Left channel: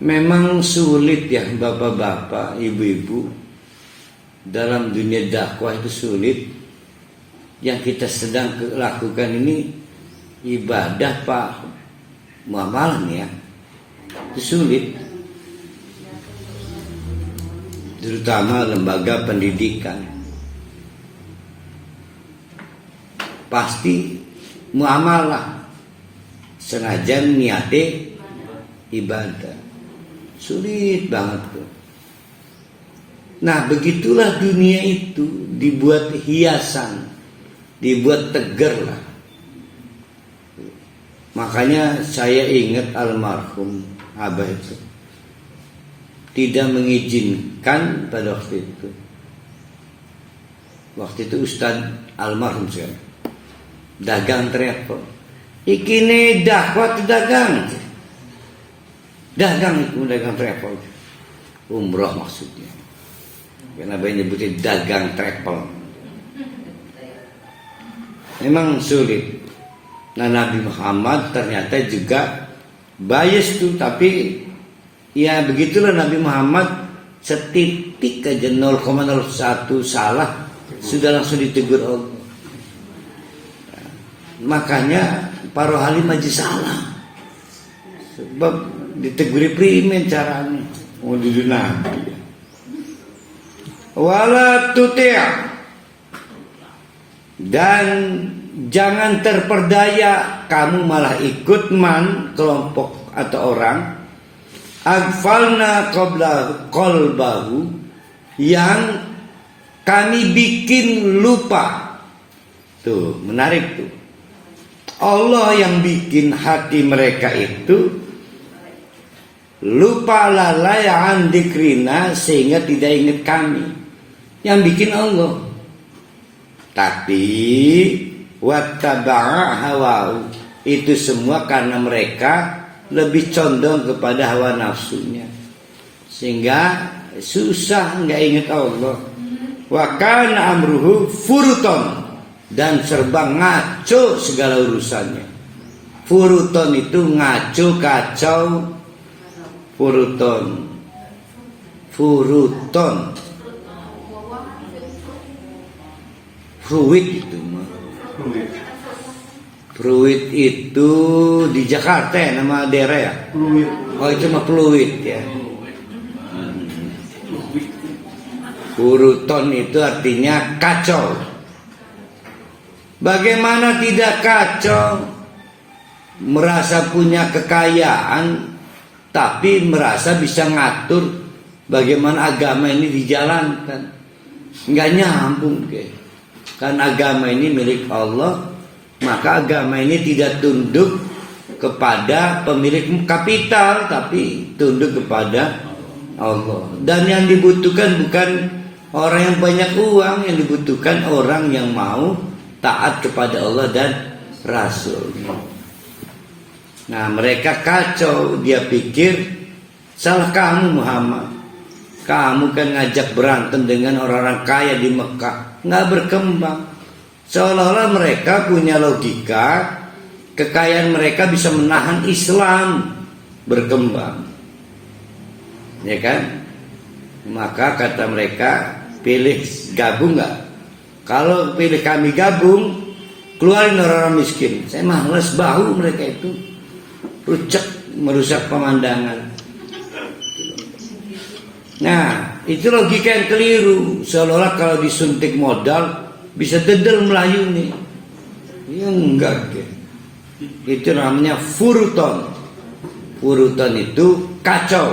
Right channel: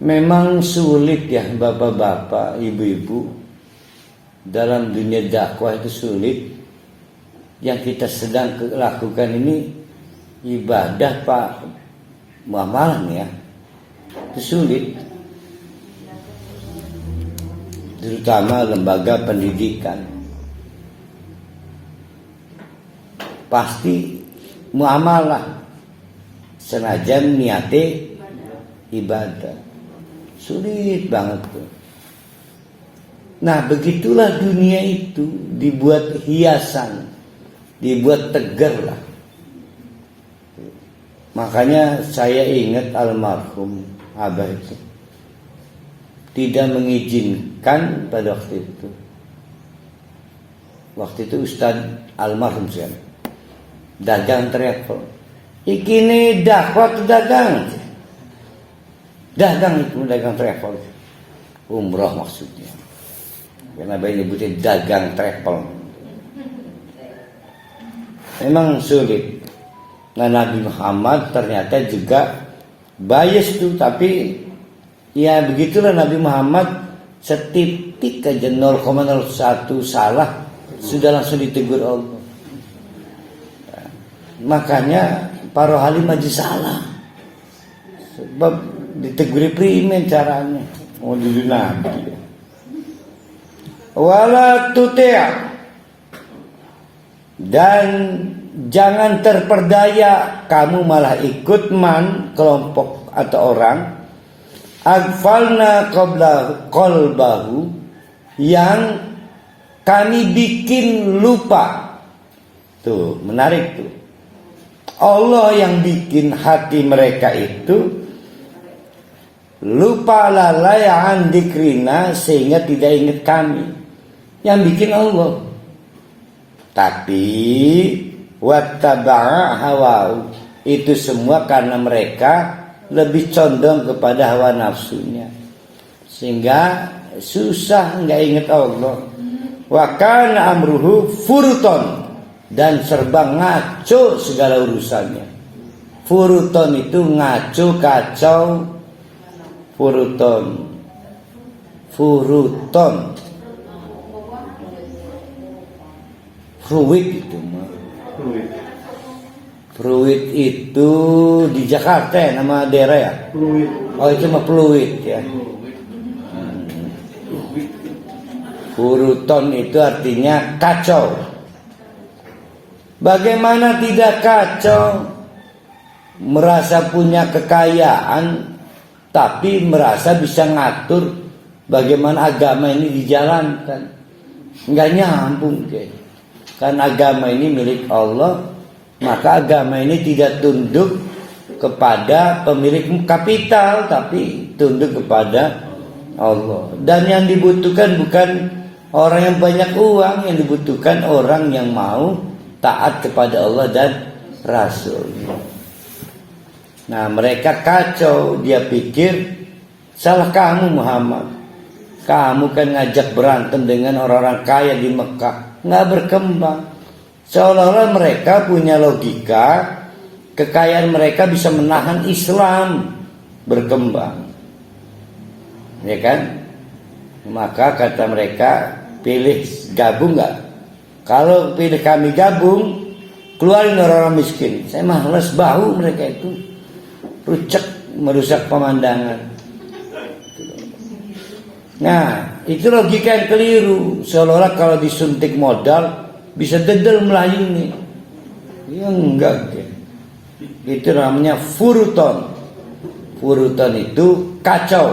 Memang sulit ya bapak-bapak, ibu-ibu, dalam dunia dakwah itu sulit. Yang kita sedang lakukan ini ibadah Pak, muamalah ya, itu sulit. Terutama lembaga pendidikan, pasti muamalah senajan niate ibadah. Sulit banget tuh. Nah begitulah dunia itu, dibuat hiasan, dibuat tegar lah. Makanya saya ingat almarhum Abah itu tidak mengizinkan pada waktu itu. Waktu itu Ustadz almarhum saya dagang travel. Iki nih dakwah dagang. Dagang itu dagang travel. Umroh maksudnya. Kenapa nyebutnya dagang travel? Memang sulit. Nah Nabi Muhammad ternyata juga bias tuh, tapi ya begitulah Nabi Muhammad, setitik aja 0,01 salah sudah langsung ditegur Allah. Makanya para halim aja salah, sebab diteguri primen caranya. Oh dulu Nabi. Wala tuti', dan jangan terperdaya kamu malah ikut kelompok atau orang aghfalna qalbahu, yang kami bikin lupa. Tuh menarik tuh, Allah yang bikin hati mereka itu lupa, lalai an dzikrina, sehingga tidak ingat kami. Yang bikin Allah. Tapi wattaba'a hawa, itu semua karena mereka lebih condong kepada hawa nafsunya, sehingga susah nggak ingat Allah. Wa kana amruhu furuton, dan serba ngaco segala urusannya. Furuton itu ngaco, kacau. Furuton Fruit itu Fruit itu di Jakarta ya, nama daerah ya? Oh itu mah fluid ya. Furuton itu artinya kacau. Bagaimana tidak kacau? Merasa punya kekayaan, tapi merasa bisa ngatur bagaimana agama ini dijalankan. Nggak nyambung guys. Karena agama ini milik Allah, maka agama ini tidak tunduk kepada pemilik kapital, tapi tunduk kepada Allah. Dan yang dibutuhkan bukan orang yang banyak uang, yang dibutuhkan orang yang mau taat kepada Allah dan Rasul. Nah mereka kacau, dia pikir salah kamu Muhammad, kamu kan ngajak berantem dengan orang-orang kaya di Mekah. Nggak berkembang. Seolah-olah mereka punya logika, kekayaan mereka bisa menahan Islam berkembang, ya kan? Maka kata mereka, pilih gabung nggak? Kalau pilih kami gabung, keluarin orang-orang miskin. Saya malas, bau mereka itu, rucek, merusak pemandangan. Nah itu logika yang keliru. Seolah-olah kalau disuntik modal bisa dedel Melayu nih. Ya enggak. Itu namanya furuton. Furuton itu kacau,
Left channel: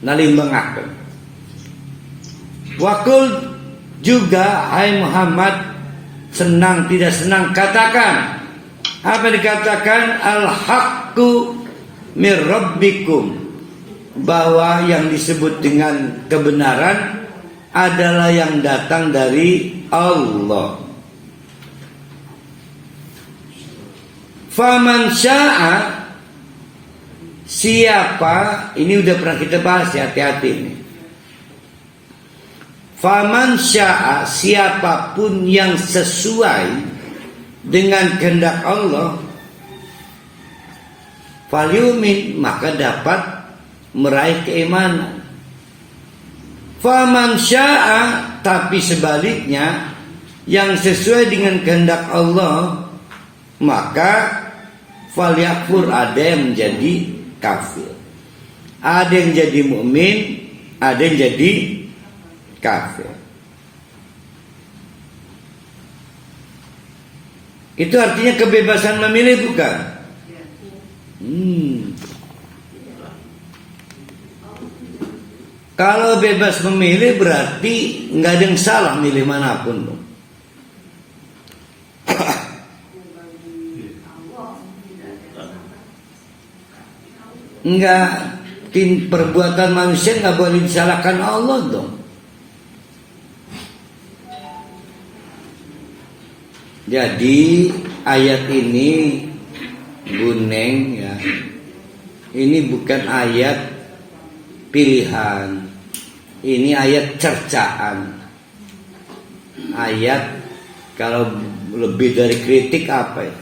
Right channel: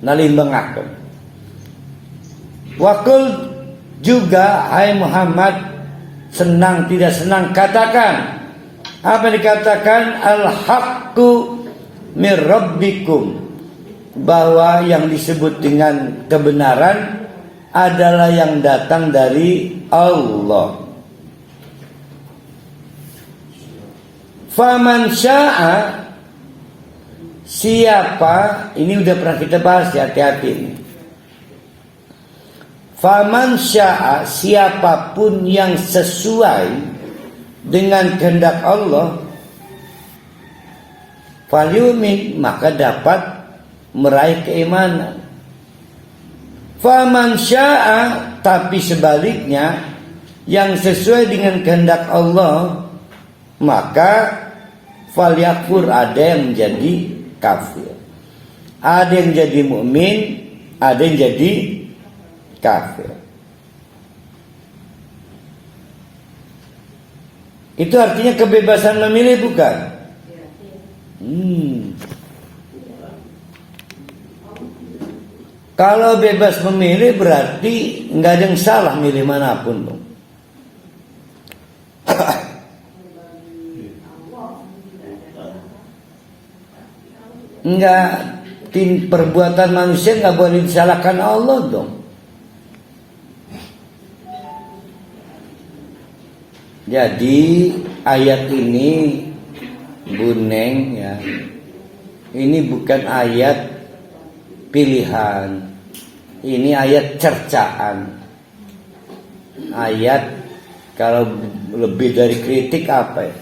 nalimbengakeun. Wakul juga, hai Muhammad, senang tidak senang katakan. Apa dikatakan? Al-haqqu mir rabbikum, bahwa yang disebut dengan kebenaran adalah yang datang dari Allah. Faman sya'a, siapa, ini udah pernah kita bahas ya, hati-hati ini. Faman sya'a, siapapun yang sesuai dengan kehendak Allah, falyumin, maka dapat meraih keimanan. Faman syaa, tapi sebaliknya yang sesuai dengan kehendak Allah, maka falyakfur, ada yang menjadi kafir, ada yang jadi mukmin, ada yang jadi kafir. Itu artinya kebebasan memilih, bukan? Kalau bebas memilih berarti nggak ada yang salah milih manapun. Enggak, perbuatan manusia nggak boleh disalahkan Allah dong. Jadi ayat ini, Bu Neng, ya, ini bukan ayat pilihan, ini ayat cercaan. Ayat kalau lebih dari kritik apa ya?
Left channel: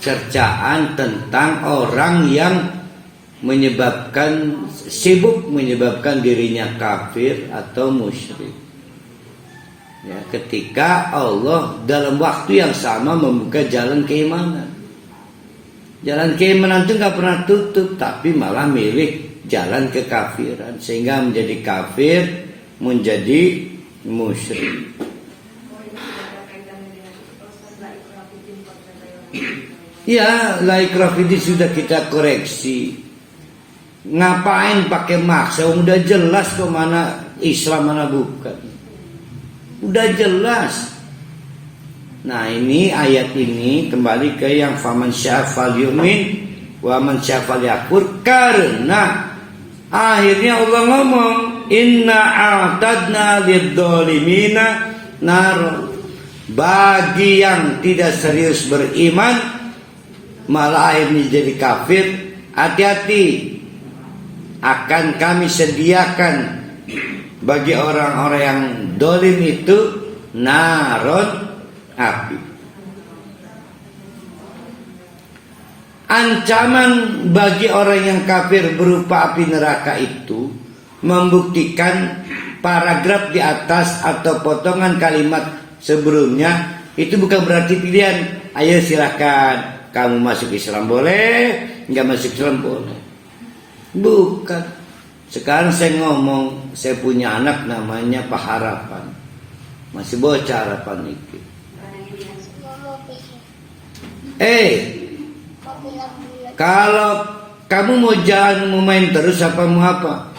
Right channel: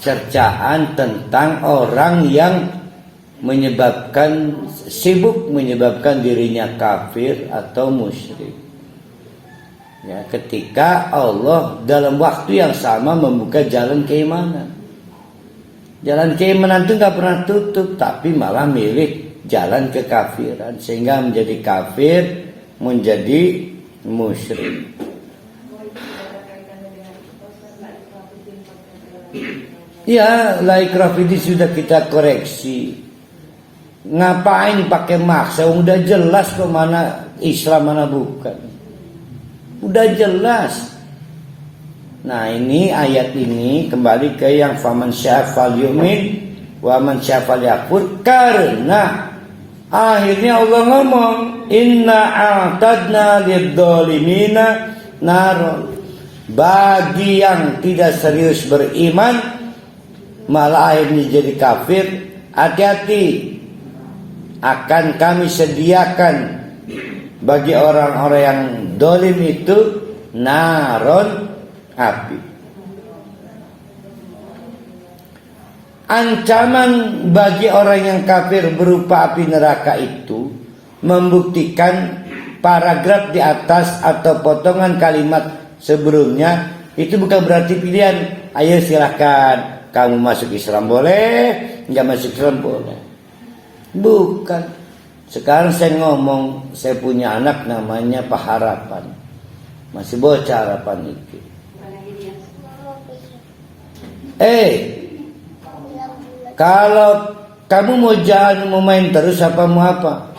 Cercaan tentang orang yang sibuk menyebabkan dirinya kafir atau musyrik. Ya, ketika Allah dalam waktu yang sama membuka jalan keimanan. Jalan keimanan itu nggak pernah tutup, tapi malah milih jalan kekafiran, sehingga menjadi kafir, menjadi musyrik. Ya, la ikraha fiddin sudah kita koreksi. Ngapain pakai maksa? Udah jelas ke mana Islam mana bukan. Udah jelas. Nah, ini ayat ini kembali ke yang faman syaa falyu'min wa man syaa falyakfur, karena akhirnya Allah ngomong inna a'tadna lidzalimina nar. Bagi yang tidak serius beriman malah akhirnya jadi kafir, hati-hati, akan kami sediakan bagi orang-orang yang dolim itu naron, api. Ancaman bagi orang yang kafir berupa api neraka itu membuktikan paragraf di atas atau potongan kalimat sebelumnya itu bukan berarti pilihan. Ayo silahkan, kamu masuk Islam boleh, nggak masuk Islam boleh. Bukan. Sekarang saya ngomong, saya punya anak namanya Pak Harapan, masih bocah harapan itu. Kalau kamu mau jalan, mau main terus apa mau apa?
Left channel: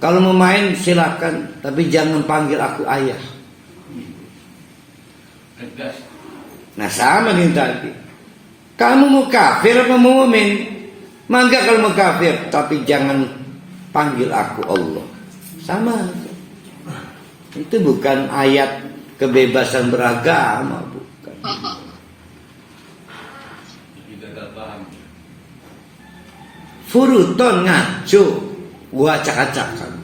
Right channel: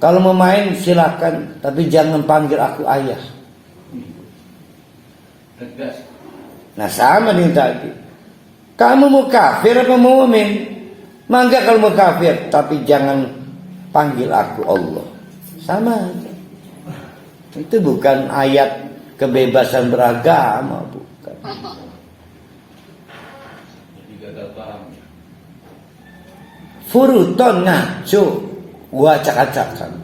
Kalau mau main silakan, tapi jangan panggil aku ayah. Nah, sama nih tadi. Kamu mau kafir apa mau mukmin? Mangga kalau mau kafir, tapi jangan panggil aku Allah. Sama. Itu bukan ayat kebebasan beragama, bukan. Furuton ngaco, gua acak-acakan.